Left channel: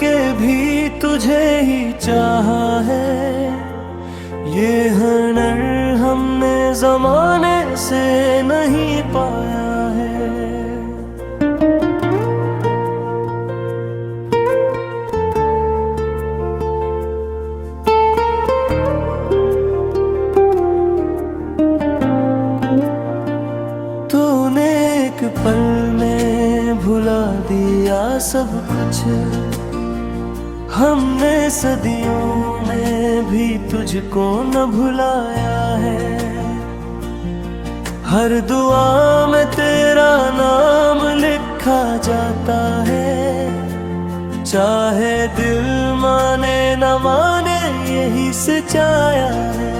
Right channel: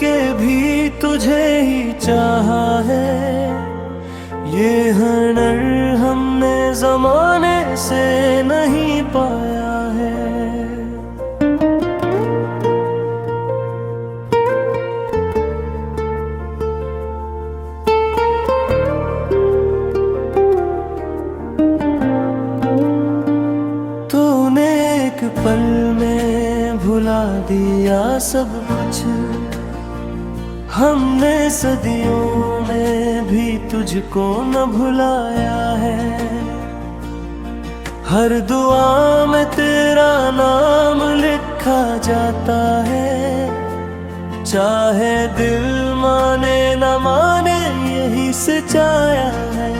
के भी तुझे ही चाहा है। ये हुनर हमने जमाने से नहीं पाया है। तूने एक पल में भुला दिया सब कुछ, हमने सदियों में भी तुझको न भुलाया है। हर दुआ में तेरा नाम लिखा जाता है, चाहे दिल माने न माने यही सच्चाया है।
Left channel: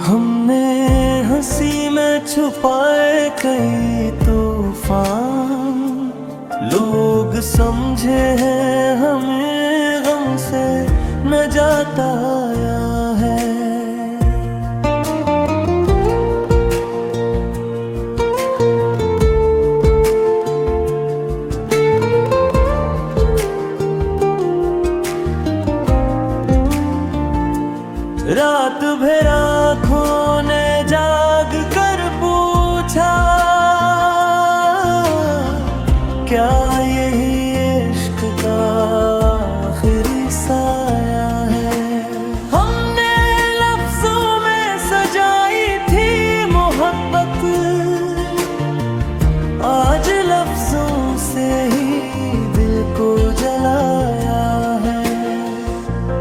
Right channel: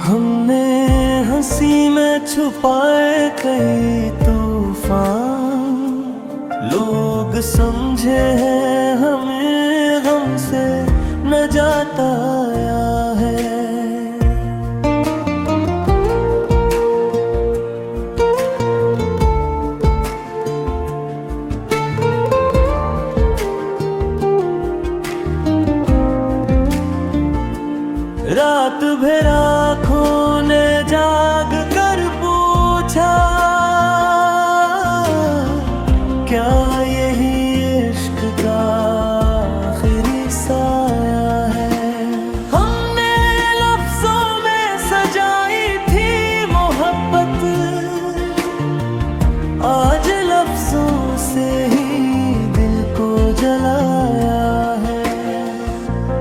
हमने हंसी में छुपाए कई तूफान, लोग समझे हैं हमें गम से न जाता आया है। रात भर आँखों ने जाग कर पूछा, क्या यही इश्क का आखिरी साया है। हमने लफ्जों में सजाई थी मोहब्बत, आज लफ्जों से ही दिल को जलाया है।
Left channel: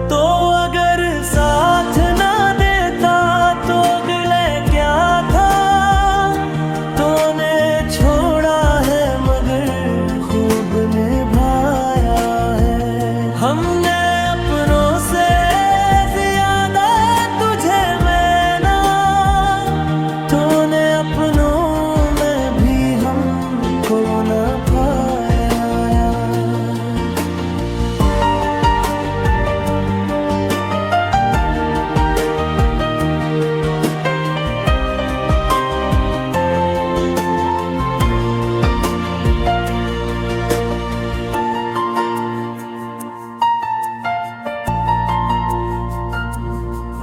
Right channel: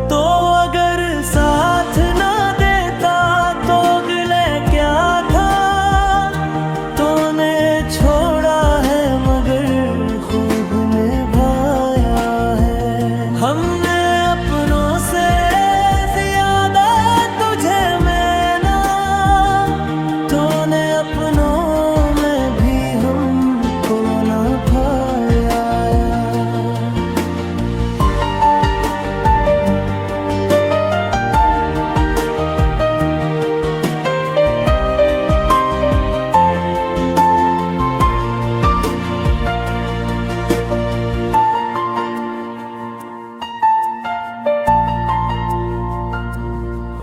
तो अगर साथ ना देता तो गिले क्या था, तूने छोड़ा है मगर खूब निभाया है। हमने अपनों से ज्यादा तुझे माना, तूने अपनों में भी हमको न पाया।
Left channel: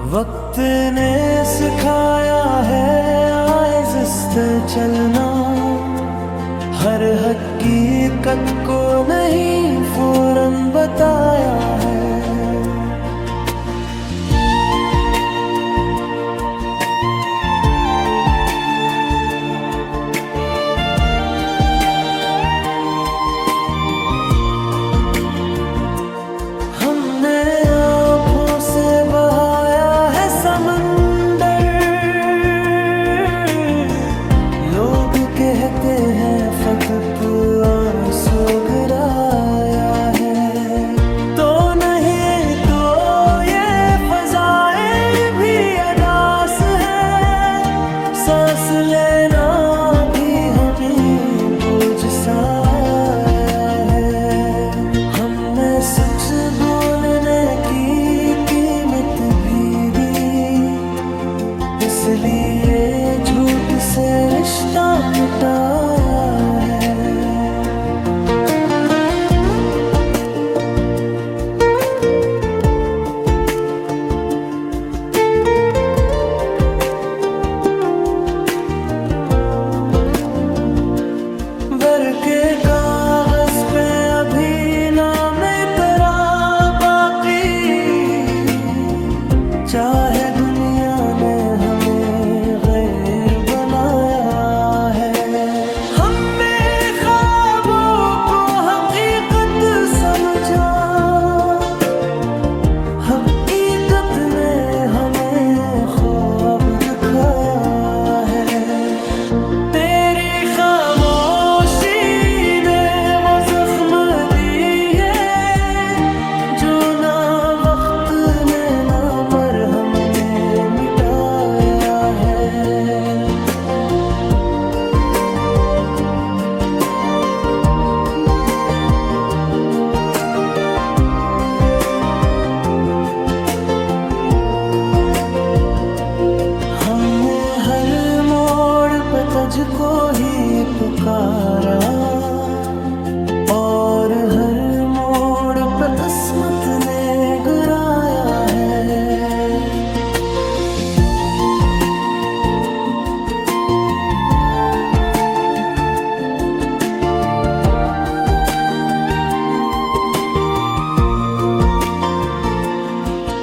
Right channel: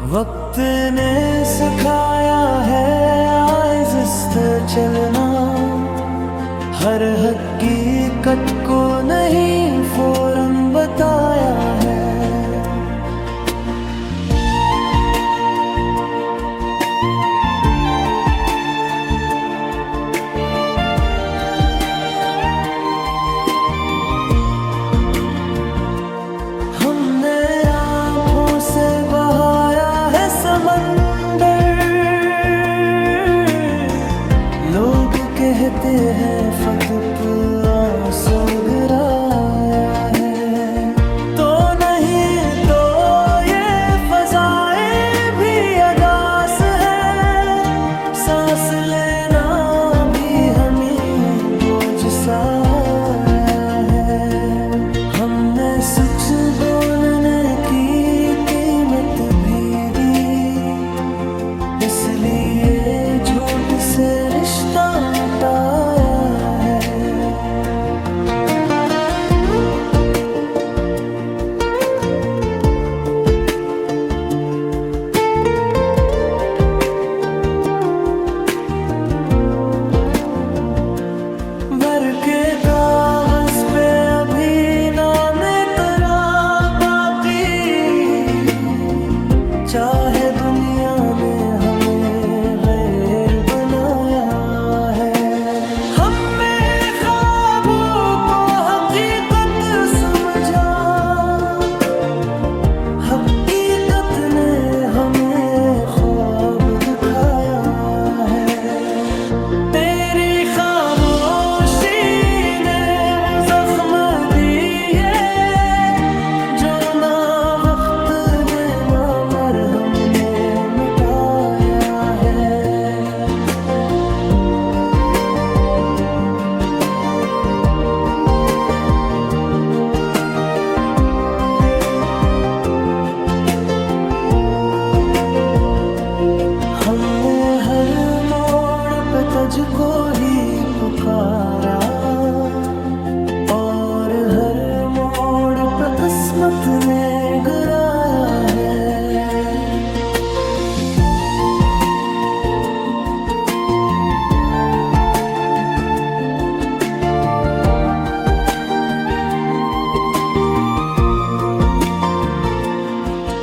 वक्त ने सिखाया है आहिस्ता चलना, हर हकीकत को नहीं फौरन बताया है। हमने आँखों से बहाया है समंदर, लोग कहते हैं फकत आंसू गिराया है। तो नहीं तो ये फजाएं भी अदास है, सांस लेना भी हमें बोझ सा आया है। हमने सच बोलने की कीमत भी दी, इसलिए झूठ से रिश्ता मिटाया है। भर के कागज पे अभी नाम तेरा बाकी, चाहे दुनिया ने हमें गैर बनाया है। हमने ख्वाबों को हकीकत समझा, हकीकत ने हमें ख्वाब दिखाया है। तेरी खामोशी ने वो जख्म दिए जो ना वक्त ने ना मरहम ने मिटाया है। हमने हर मोड़ पे तुझको ही पुकारा, और हर मोड़ पे किस्मत ने गिराया है।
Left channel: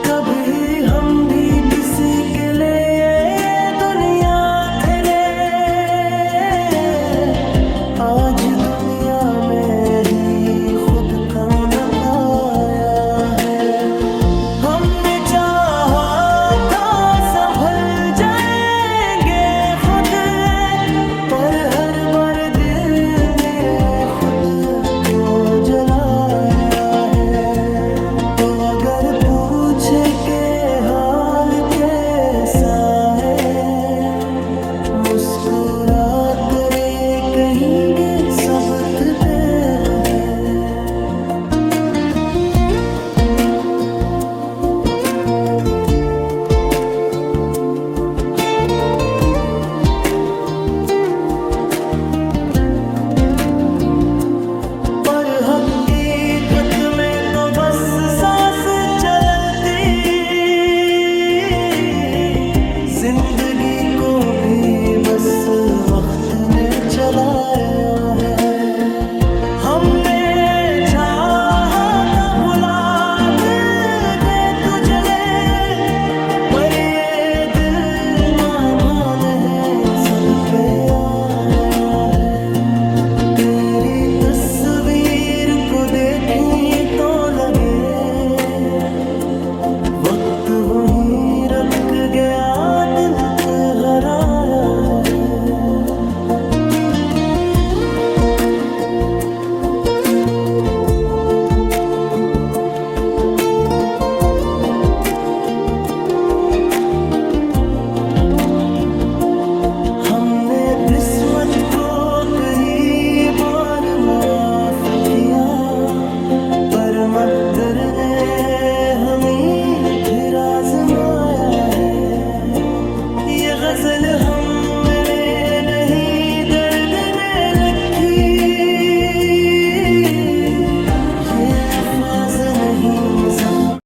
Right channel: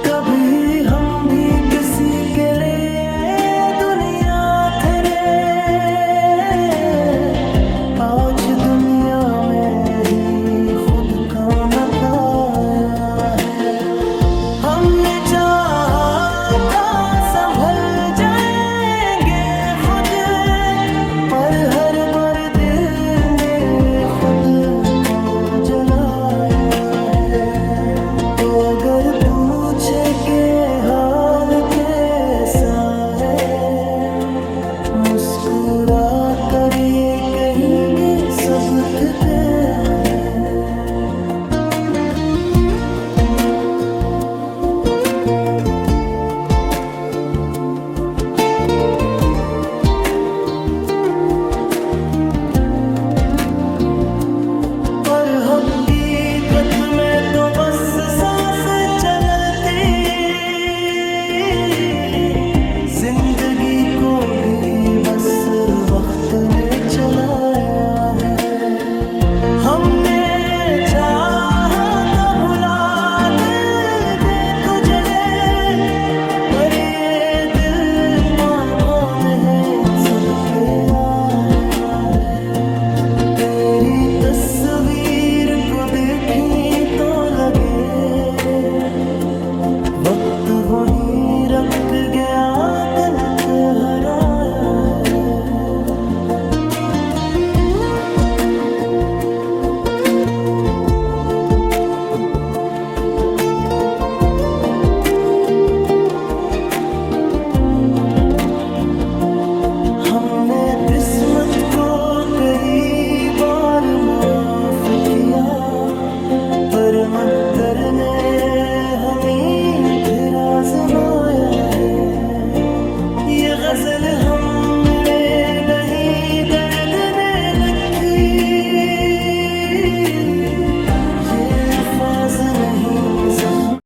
कभी हम भी किसी के लिए दुनिया थे रे, आज दुनिया में ही खुद का न पाया है। हमने चाहा था संभल जाएंगे खुद, पर हर बार दिल ने खुद को जलाया है। तो अगर पूछे के हाल कैसा है, मुस्कुरा कर ये कहेंगे सब तेरे है। पर हकीकत में तो बस सांस चलती, जिंदगी को भी बस वक्त ने चलाया है। हमने चाहा था भुला दे तू जले, पर ये दिल मान है सुध पे आया है। तेरी तस्वीर को देखी तो लगे वक्त वहीं रख गया, दिल से हराया है। हमने किस्मत को कई बार माफ किया, पर मकदर ने हमें फिर आजमाया है। ये गजल हमने नहीं दर्द ने लिखी, ये अल्फाज नहीं